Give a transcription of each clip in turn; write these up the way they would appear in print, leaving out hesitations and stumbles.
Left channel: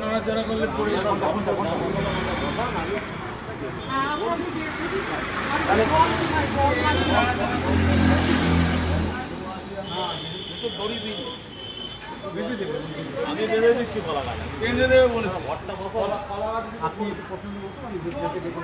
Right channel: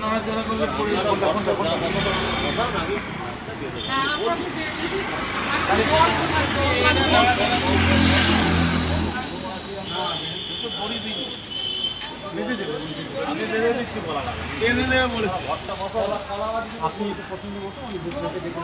নড়াচড়া করলে পড়ে আপনি একটু পছন্দ করছেন আমি দুধটাকে দেখে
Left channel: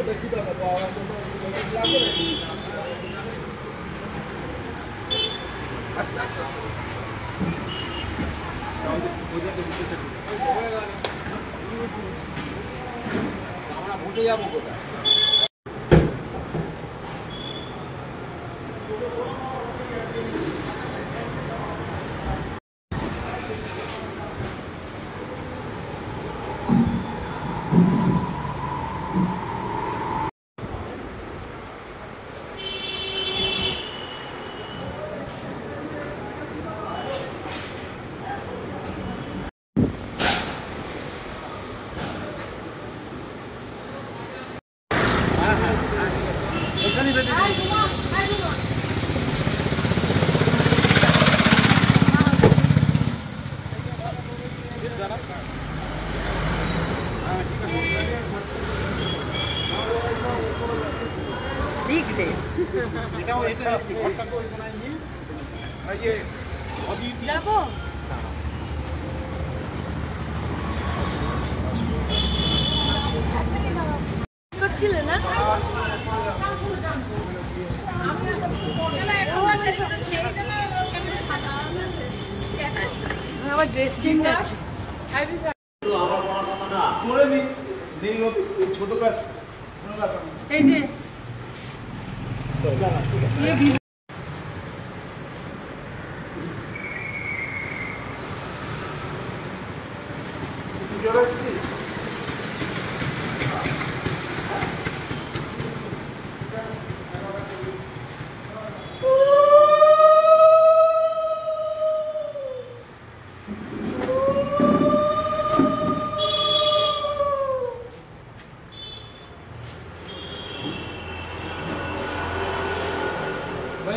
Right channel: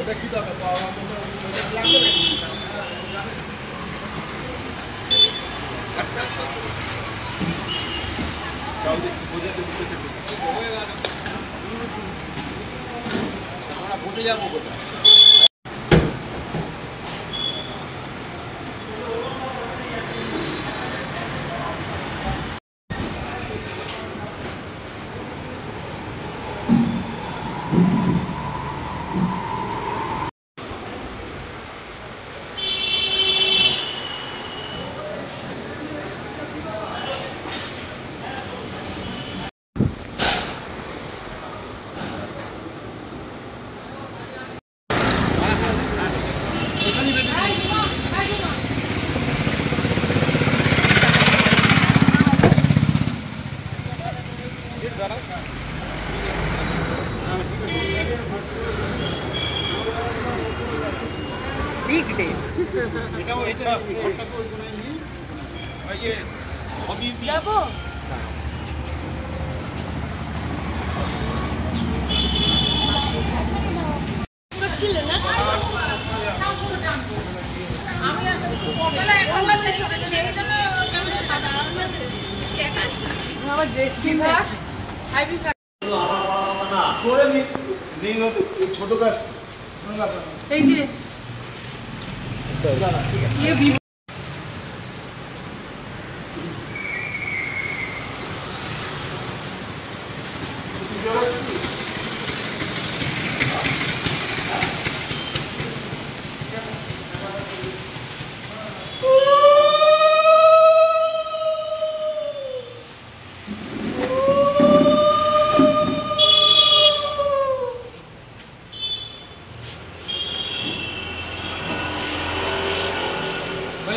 এটা কি দরকার লাগবে আমরা বসে যাবো কোথায় Big day. যাবো করছিলে না আমার ড্রেস চেঞ্জ আছে ছোট গাছ এই যে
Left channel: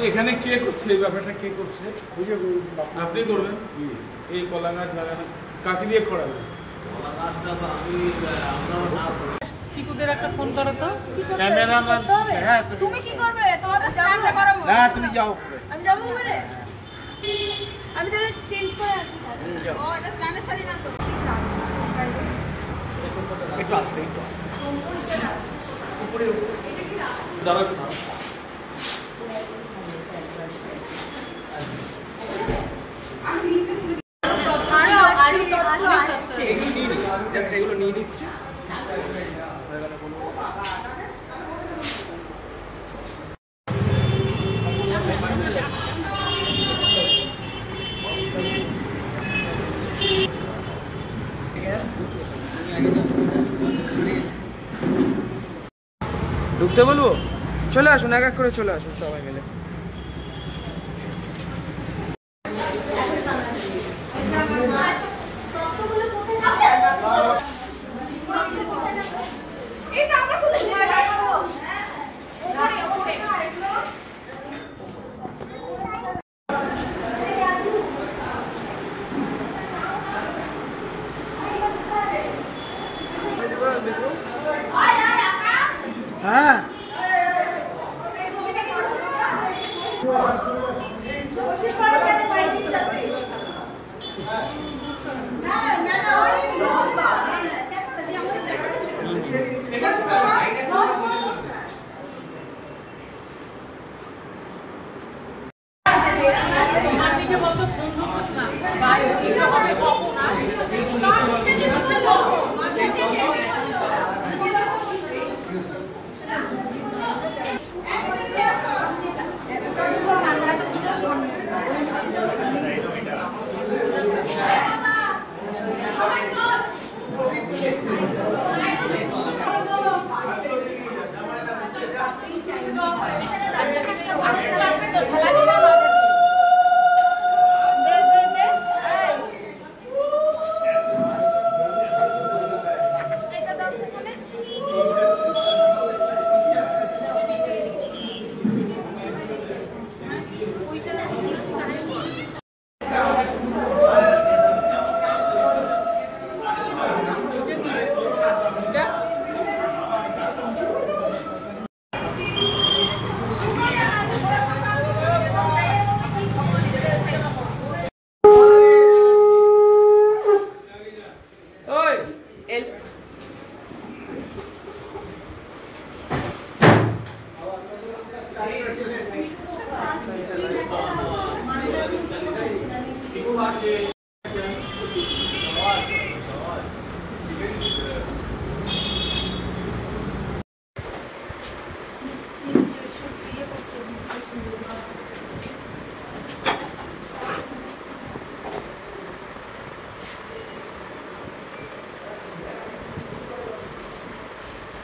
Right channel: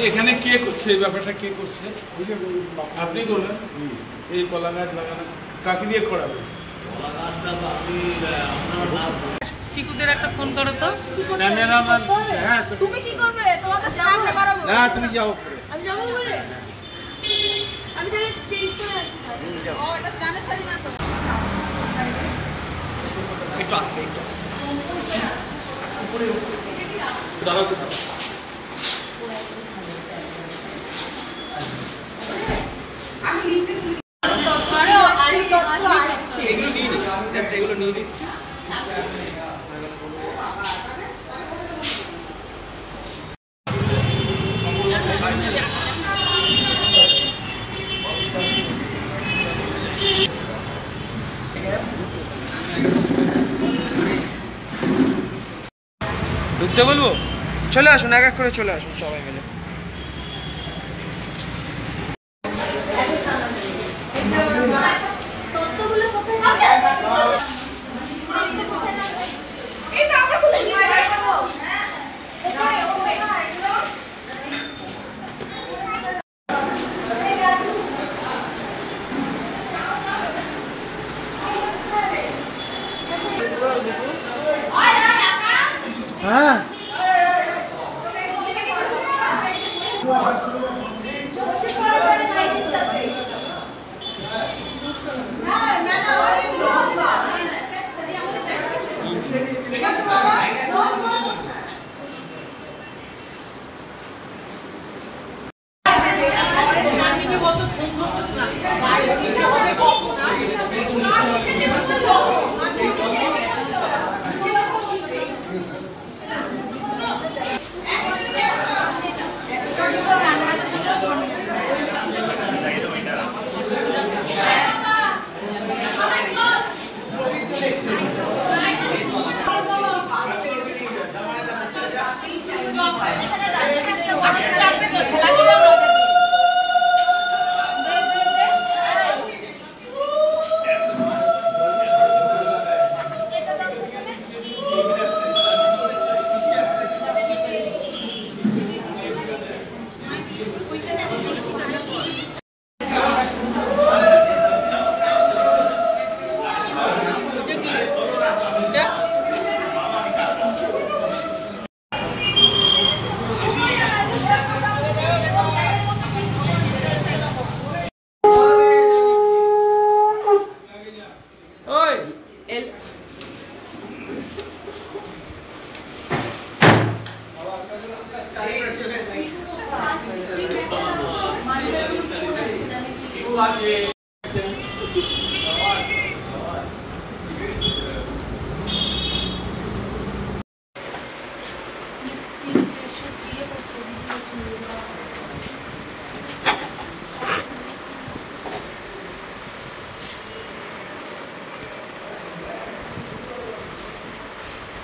এখানে কে করছে এই ব্যাপারটা কে করছে আপনি করবেন এই কলা গাছ লাগানো কাকে দিয়ে করাবেন টিকুদের একটা ফোন করো তো ক্যামেরাম্যান হ্যাঁ তুমি কি করবে তোমাদের স্নানটা করো না তুমি যাও আমি যাবো বলে আমি তাহলে চেঞ্জ করে আসি ও এটা স্নানের শাড়ি না তো একটু আসতে উপরে দাঁড়াতে না এগুলো নিয়ে নিচ্ছি ঢুকতে বলবো চলে আসুন এক এক করে চলে আসুন সবাই মিলে হ্যাঁ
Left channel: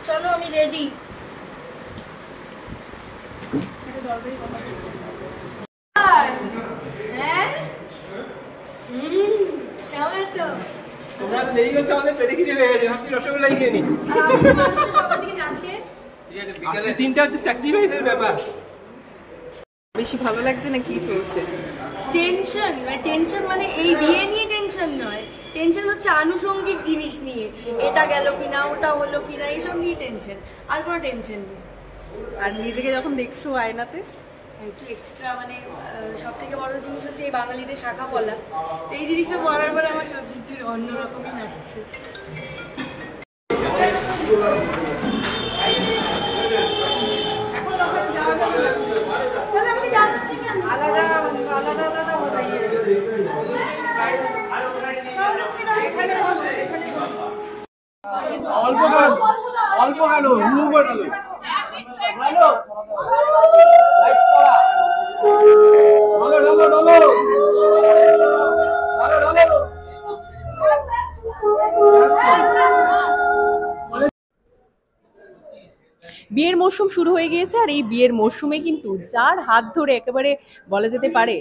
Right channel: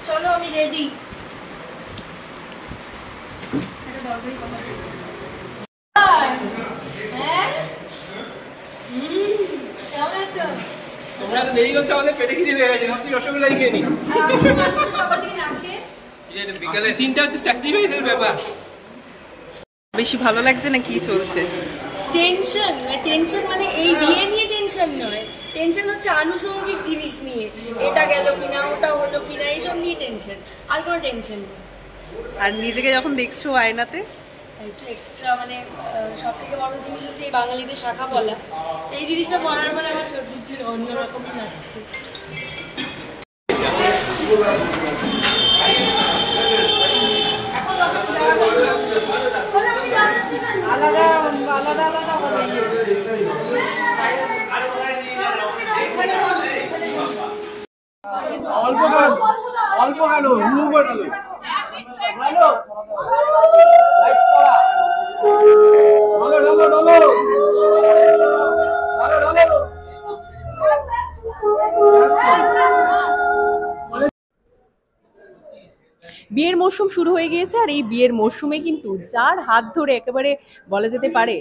চলো আমি রেডি। এটা দরকারি কথা। হ্যাঁ কেমন আছো? তোমরা তো দেরি করছো, আমাদের পেটে খিদে পেয়ে গেছে, আপনি রসগোল্লা খেয়ে নিন। আর আমি তো মাংস সকাল থেকে না খেয়ে বিকালে 3টা হচ্ছে স্যাক্রিফাইসের ব্যাপার। বেশি ভালো লাগছে না কি চলছে? টেনশন মানে এই বিয়ে নিয়ে টেনশন নয়, টেনশন হচ্ছে আনুষঙ্গিক জিনিস নিয়ে, এটা গেল কিনা ওটা হলো কিনা এইসব নিয়ে টেনশন, আর কোনো টেনশন নেই। আর নিজেকে যখন দেখছো আয়নাতে একটু এক্সট্রা মানে সব থেকে বড় জিনিস হচ্ছে এই বাঙালিদের শাখা পলা, এই জিনিসটা পড়ার পর আমার সত্যি অন্যরকমই লাগছে। অল্প গেল বিয়ের মরশুম শুরু হয়ে গিয়েছে, আর এই বিয়ের মরশুমে কিন্তু যার হাত ধরে একেবারে বলা যেতে পারে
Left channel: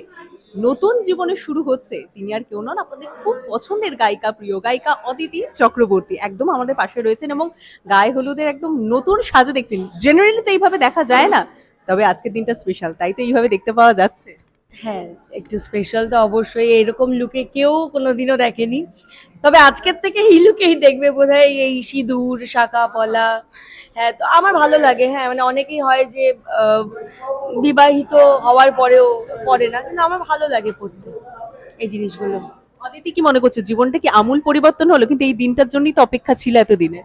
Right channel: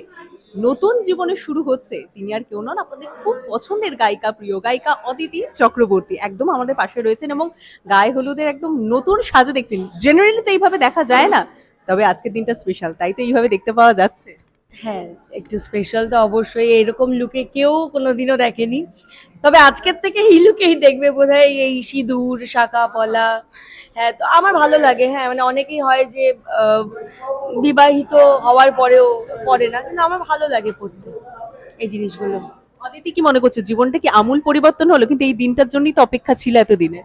নতুন জীবনে শুরু হচ্ছে, তিনি আর কেউ নন, আপনাদের খুব পছন্দের গায়িকা, প্রিয় গায়িকা অদিতি চক্রবর্তী একদম আমাদের পাশে রয়েছেন এবং গায়ে হলুদের একদম নতুন সাজে দেখছেন। জেনারেলি তো এইভাবে দেখা যায় না, তবে আজকের দিনটা স্পেশাল, তাই তো এইভাবে দেখতে পাওয়া যাচ্ছে। হ্যাঁ, একটু স্পেশাল তো অবশ্যই, এরকম লুকে কেউ কোনোদিনও দেখেনি, তবে আজকের থেকে এই লুকেই দেখবে বোধহয়, এই সিঁদুর শাখা পলা। হ্যাঁ, তো আমার ভালো লাগে। হ্যাঁ, মানে অনেকেই হয় যে বিবাহিত হওয়ার পরেও পরে না, কিন্তু আমার ভালো লাগে পড়তে এই জিনিসগুলো। অদিতি কি মনে করছো, জীবনটা কি আমূল পরিবর্তন হলো? কিন্তু এই দিনটার জন্যই তো অপেক্ষা ছিল এতদিনে।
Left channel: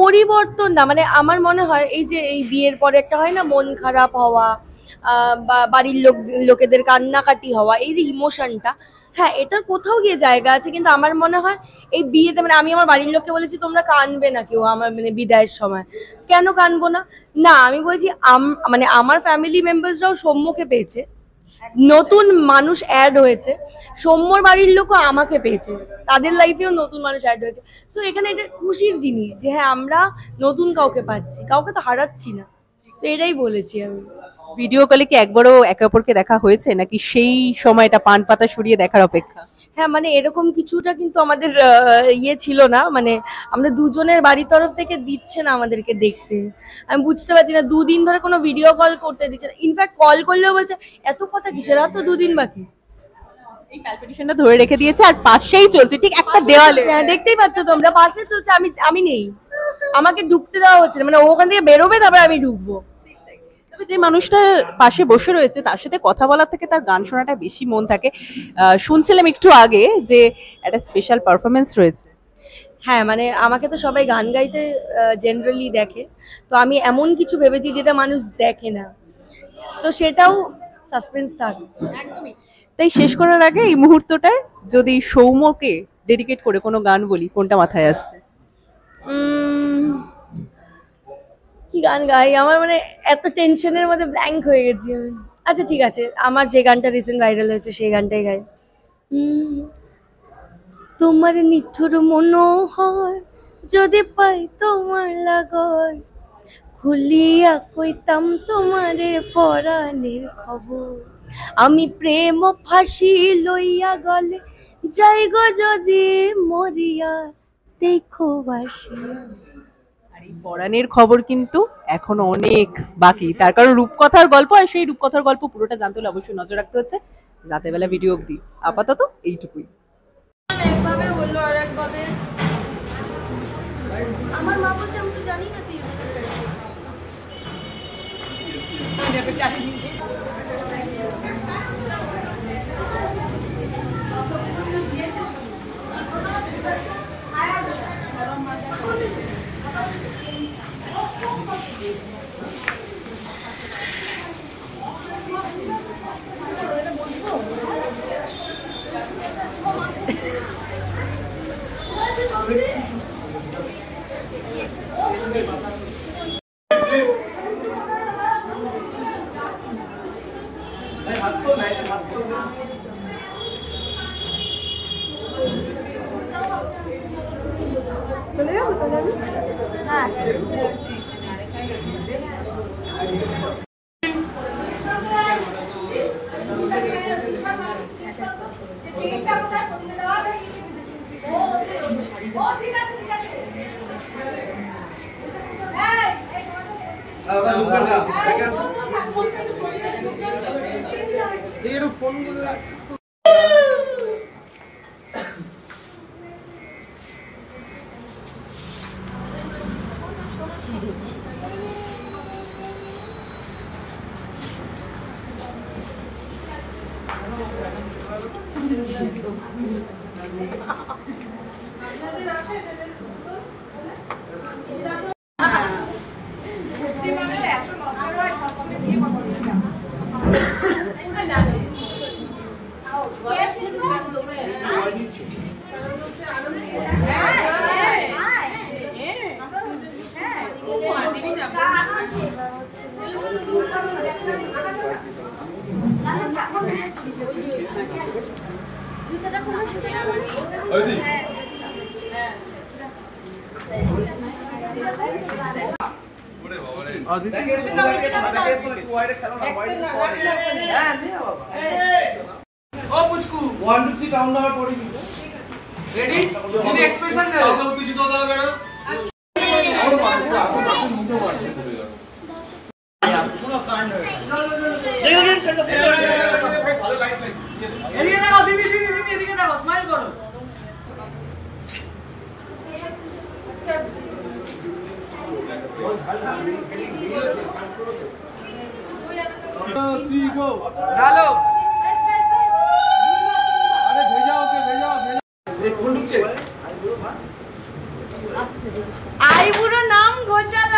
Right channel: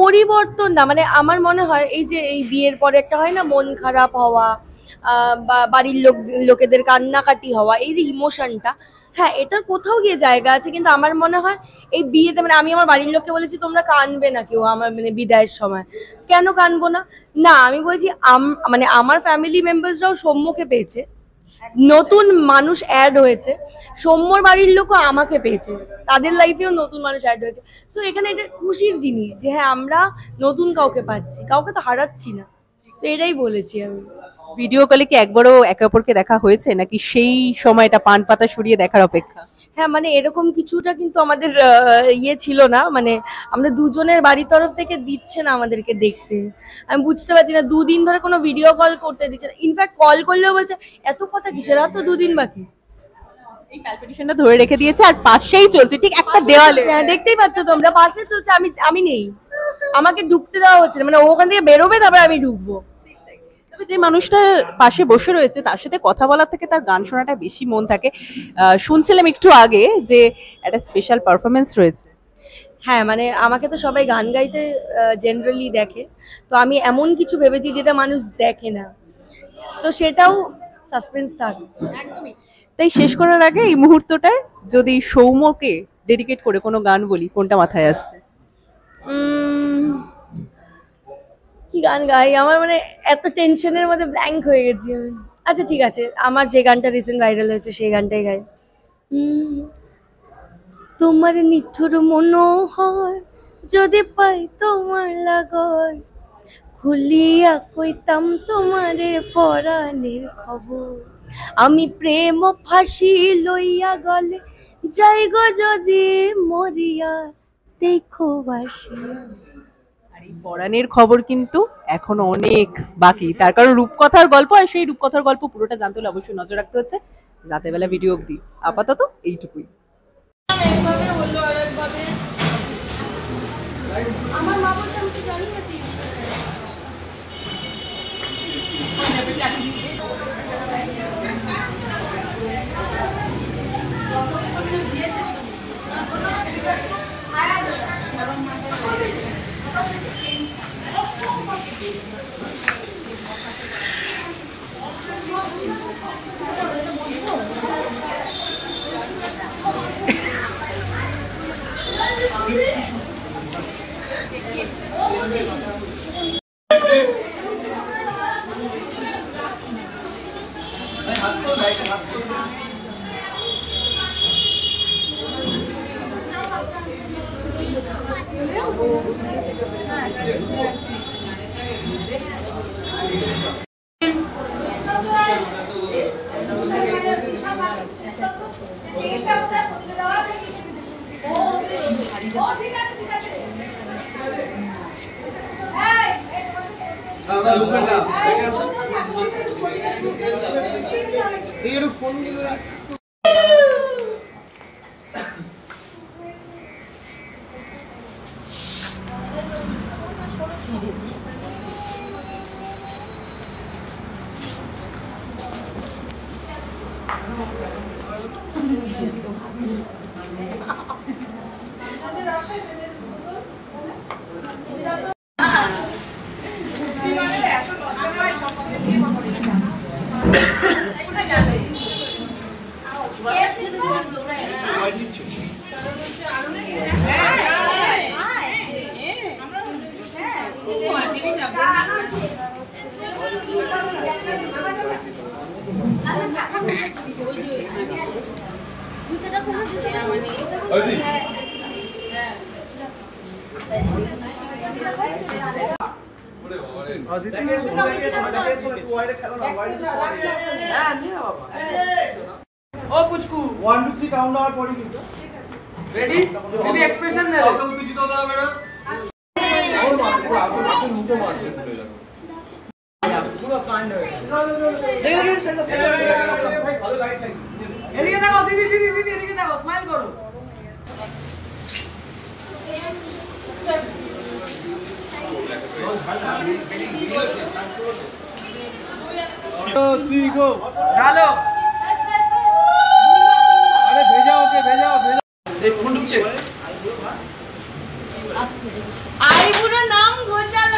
পরিবর্তন না, মানে আমার মনে হয় এই যে এই বিয়ের পরে একটা হয় না মন খারাপ হওয়া, বা বাড়ির লোকেদের কান্নাকাটি হওয়া, এই যে ইমোশনটা, হ্যাঁ এটার কোথাও গিয়ে জায়গা আছে, কিন্তু আমার মনে হয় এই বিয়েতে মানে আমি আমার বাড়ির লোককে বলেছি তোমরা কাঁদবে না কেউ আমার মানে বিদায়ের সময়। কেন কাঁদবো না? না আমি বলছি মানে আমার ফ্যামিলি মেম্বার্সরাও সৌম্যকে পেয়েছে, নতুন মানুষ অ্যাড হয়েছে, সৌম্যর বাড়ির লোকও আমাকে পেয়েছে, তাদের লাইফেও নতুন মানুষ অ্যাড হয়েছে। সো এখানে এটা খুশির জিনিস যে হ্যাঁ আমরা নতুন কাউকে পাচ্ছি, কাউকে তো হারাচ্ছি না, তো এটাই বলেছি আমি। ভিডিও কলে কি একবারও একে অপরকে দেখা হয়েছে, নাকি সেই সময়টা পান পাতা সরিয়ে দেখার অপেক্ষা? হ্যাঁ, মানে এরকম কিছুটা কিন্তু আমাদের ইয়ে ছিল না, মানে আমরা দুজনের বাড়ির তরফ থেকে দিচ্ছে না আমাদেরকে দেখতে। আমি বুঝতে পারছি না, 2 দিন ধরে কোনো ভিডিও কল করতে দিচ্ছে না, ইনফ্যাক্ট কল করলেও বলছে এত কথা কিসের, আর তো 2 দিন বাকি। এই প্যালপিটেশনটা ধরে রেখে দিয়েছে, আর পাশেই চলছে ঠিক একটা দেওয়ালে। হ্যাঁ, দেখতেই পাচ্ছ তোমরা, পাশে চলছে, আমি নেই, আমাকে ঢুকতে দেওয়া হচ্ছে না, মানে ওখান থেকে বেরোবে তারপরে আমি ঢুকবো। তবে যে মানুষটা পাশে বসে রয়েছে তার সাথে কথা বলার থেকে তার গান শোনাটা বেশি মন থাকে। শুনছিলাম একটু আগে যে একটা স্পেশাল পারফরমেন্স রয়েছে। হ্যাঁ, মানে আমাকে তো সবাই গান গাইতে জেনারেলি দেখে, তো আমি এমন কিছু ভেবেছি যেটা মানুষ দেখে না, তো সেটাও সাসপেন্স থাক। একদমই তাই। শেষ করার আগে এই মুহূর্তটায় যদি সৌম্যকে ডেডিকেট করে কোনো গান বলি, কোনটা মাথায় আসছে? কি গান গাই, আমার মানে এত টেনশনের মধ্যে ব্ল্যাঙ্ক হয়ে গেছি আমি। আচ্ছা ঠিক আছে, আমার যে গানটা রিসেন্ট ভাইরাল হয়েছে সেই গানটাই গাই। তোমার নিঠুর মনোহর যদি পাই তোমার লাগর, খুলিয়া কইতাম তোমারে পরাণের খবর, আমি প্রেম ফাঁসি লইয়া গলে যাই গো যদি মরিয়া, দেখো বাসি। আর এই পরাণের খবর কিন্তু এখনো অনেক বাকি, তার কারণ রূপকথার গল্প, আর সেই রূপকথার গল্প পুরোটা জানতে হলে অবশ্যই নজর রাখতে হচ্ছে রাতের বেলা ভিডিও অবধি। আপাতত এইটুকুই। একভাবে হলো আর একভাবে আমার মা বলছে আমি তো জানি না তুই রেডি দিদি এক্সপ্রেশন দাও উত্তেজিত দাও ম্যাডাম পুরো কাণ্ড এদিকে দেখো দিদি দিদি দিদি এদিকে দেখো স্মাইল করো डालो अरे भेजा ओके भेजा भेजा फोन ढुकছে আইবুড়ো নাম ঘোচালা